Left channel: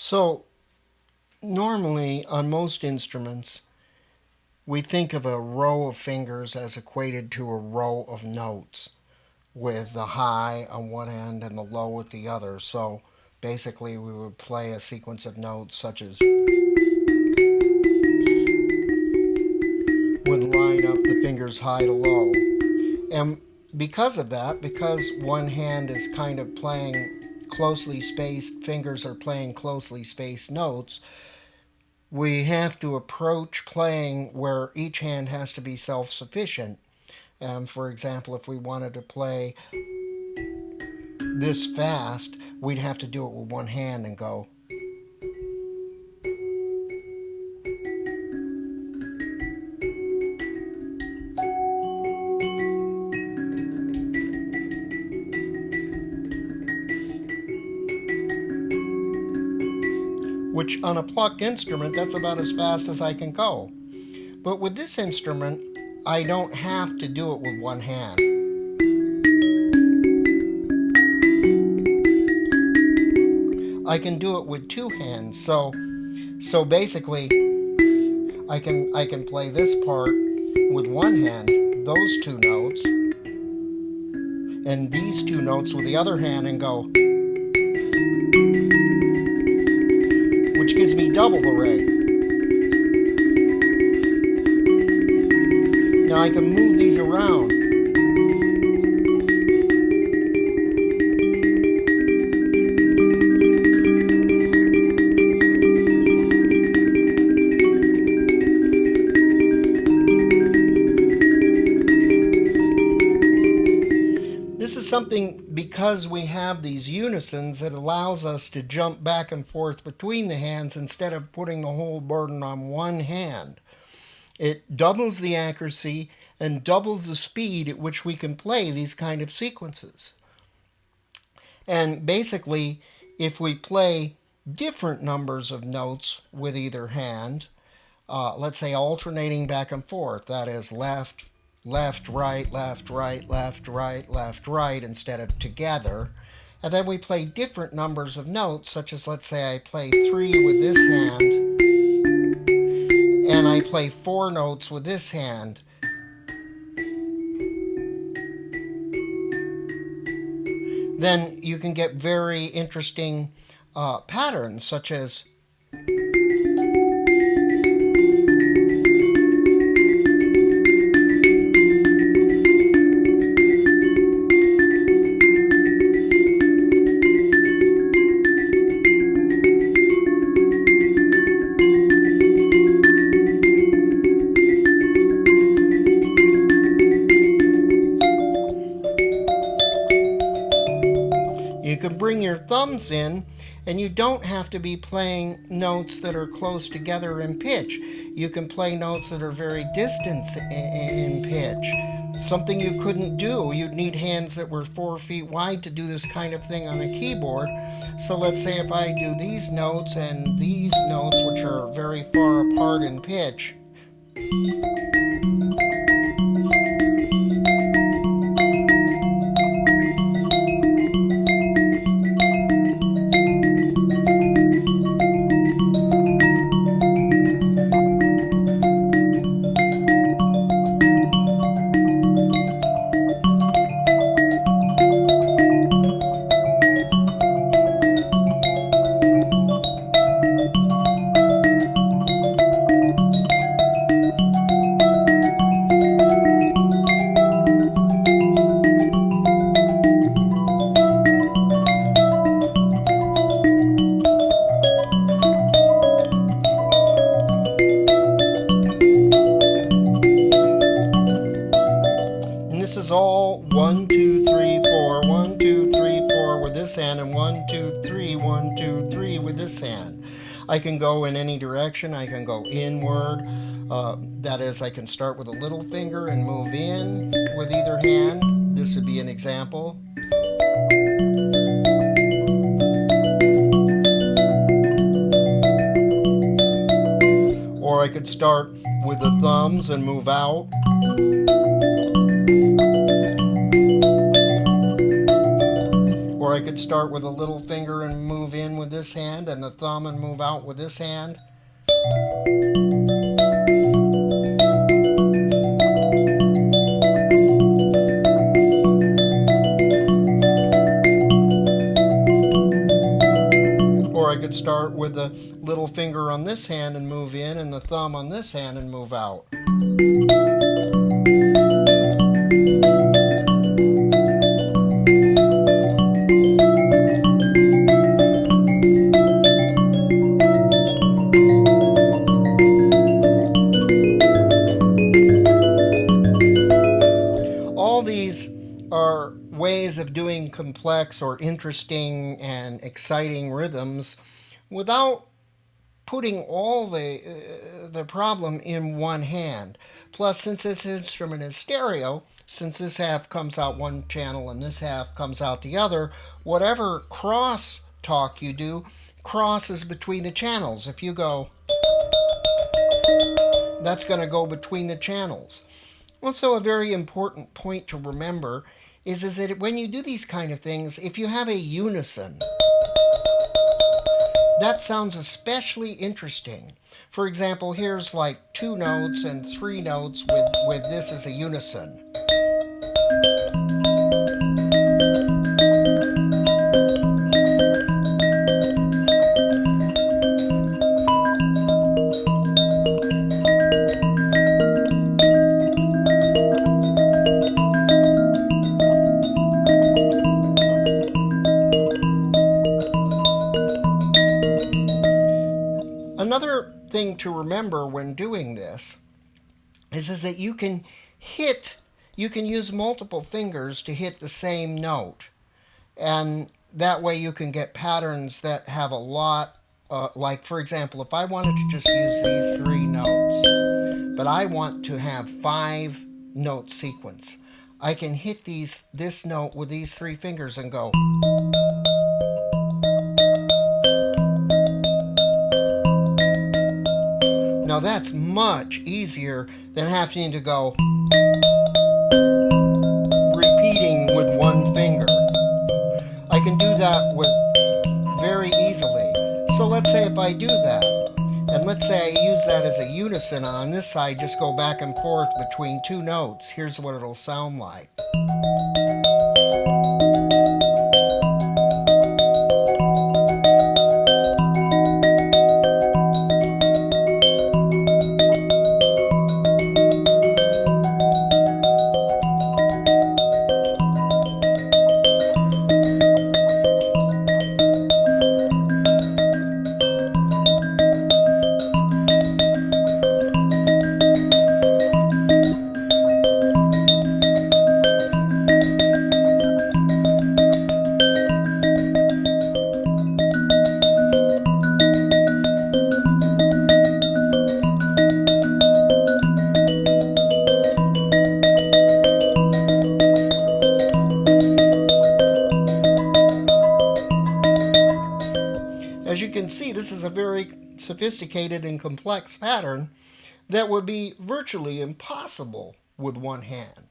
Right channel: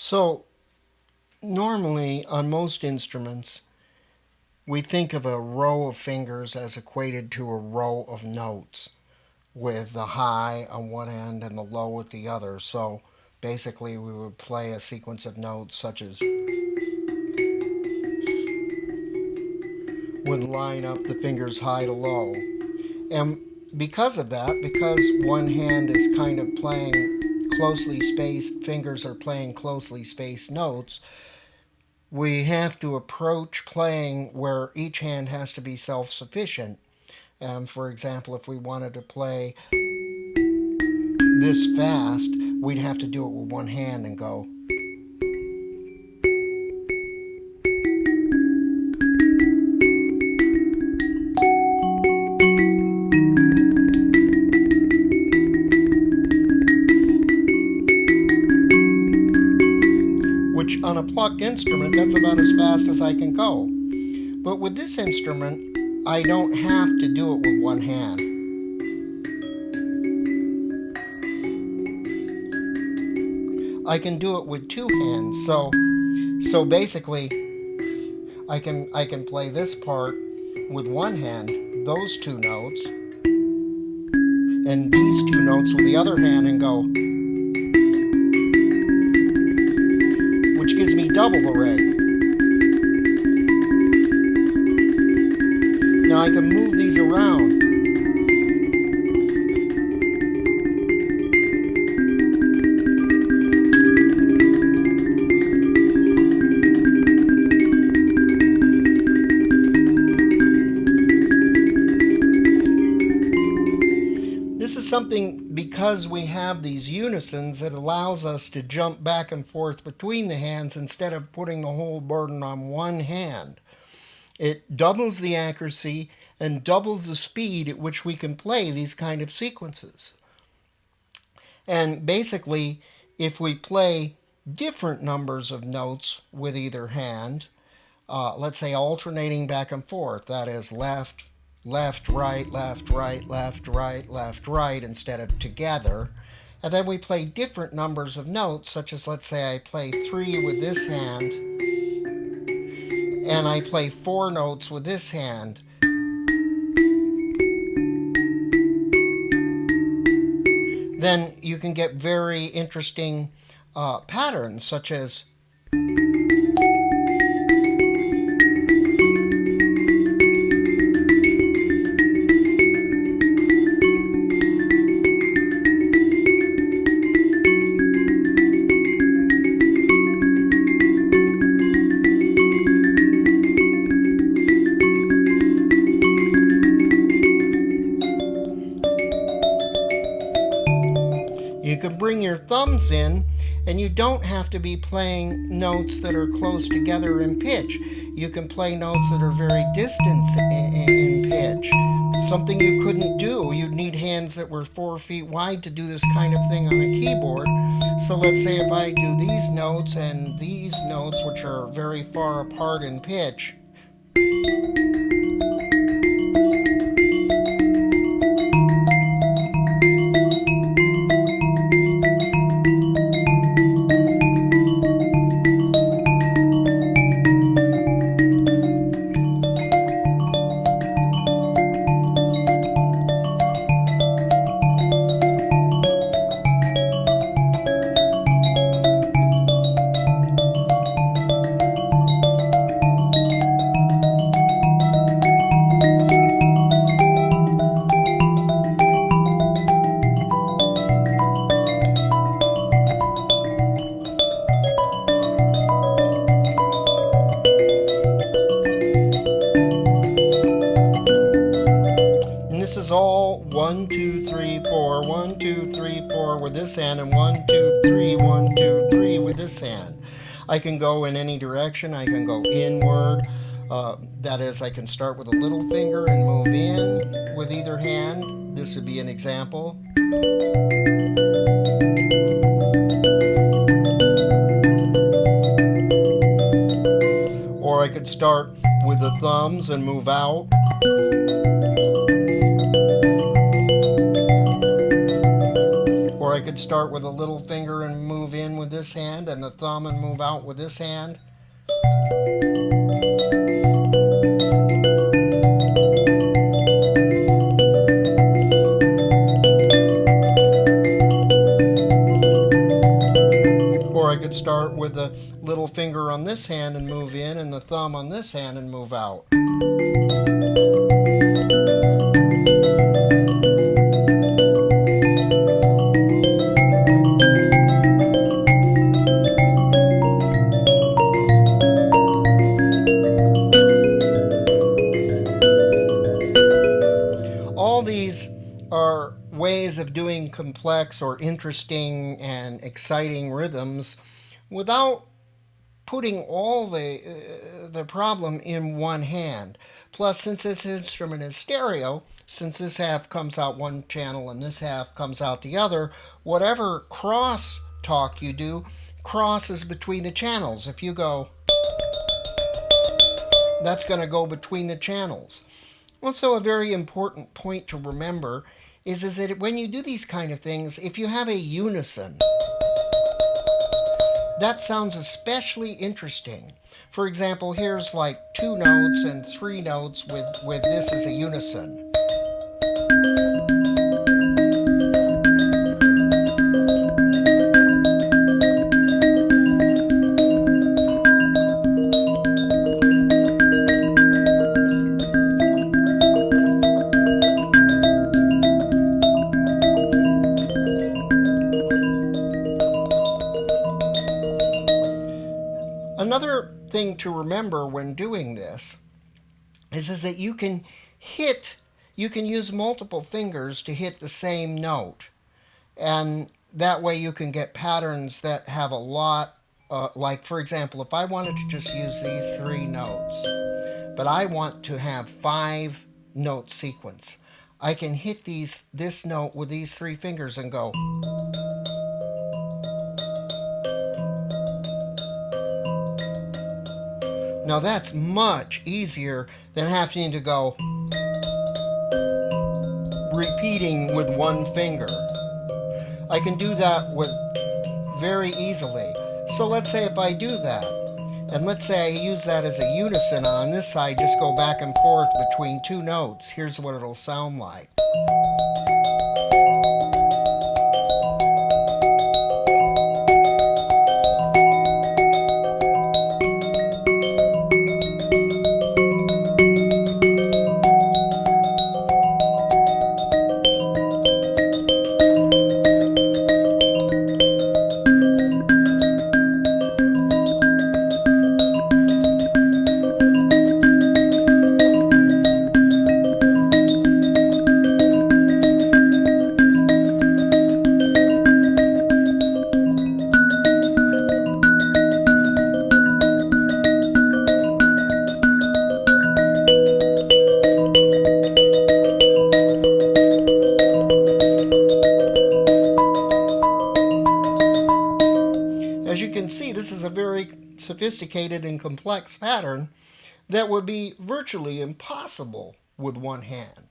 So normally on most instruments, we think of a row of fingers as equated to a row of notes, with the high on one end and the low at the other. So basically we would play a sequence of notes such as would line up the fingers high to low. And because of that, because one hand is kind of playing closely spaced, fingers are playing closely spaced notes, we have to approach playing where each hand has to be self-sufficient. For example, if we wanted to play this fast, we'd have to do it with one hand and go. Which on a plucked instrument, that's about as fast as I can go. But with this instrument, I don't have to do it with one hand. I can do it with two hands. So basically, I can play this part with one hand, those two notes, and these two notes with the other hand and go, which gives me double the rate. Now I can move these around. This is something, because we have these unisons, that allows us to jump back and forth between the hands instead of putting the whole burden on one hand. It doubles the accuracy and doubles the speed at which we can play these kind of sequences. And basically, if we play different numbers of notes with either hand, let's say alternating back and forth, that is left, left, right, left, right, left, right, left, right, instead of together. And then we play different numbers of notes, such as, let's say I play 3 with this hand, and I play 4 notes with this hand. Then you can get very interesting patterns, such as you can bring your thumbs in, and you don't have to be playing notes that are close together in pitch. You can play notes that are very distant in pitch. Something you couldn't do. You'd need hands that were 4 feet wide to do this kind of thing on a keyboard. So let's say if I do these notes and these notes, which are very far apart in pitch, this is all 1, 2, 3, 4, 1, 2, 3, 4 with this hand, and 1, 2, 3, 1, 2, 3 with this hand. I can go in any direction. I can go inward. That is, I can start with a little finger and move in with either hand. This would be an example. Or I could start with the thumbs and move out. Or I could could start with a little finger and move in with this hand, and the thumb and move out with this hand. Or I could start with the little finger on this hand and move in, and the thumb on this hand and move out. All these are ways of doing complex or interesting and exciting rhythms without putting all the problem in one hand. Plus, since this instrument is stereo, since this half comes out one channel and this half comes out the other, whatever cross talk you do crosses between the channels. If you go, that's going to go between the channels. Also, a very important point to remember is that when you do these kind of things, if you have a unison, that sounds especially interesting. For example, here's like 2 notes and 3 notes with this as a unison. Another thing to remember when doing this is that you can use multiple fingers to hit the same note. And that way you can get patterns that have a lot, like for example, if I wanted to just use these 3 notes, but I want to have 5 note sequence, I can hit this note with these 3 fingers and go. Now that's much easier than having to go repeating with 1 finger. I can do that very easily. So let's say if I do that, and let's say I use that as a unison on this side, just go back and forth between 2 notes. Here's what it'll sound like. As you can see, this is a very sophisticated and complex pattern that would be virtually impossible with 1 hand.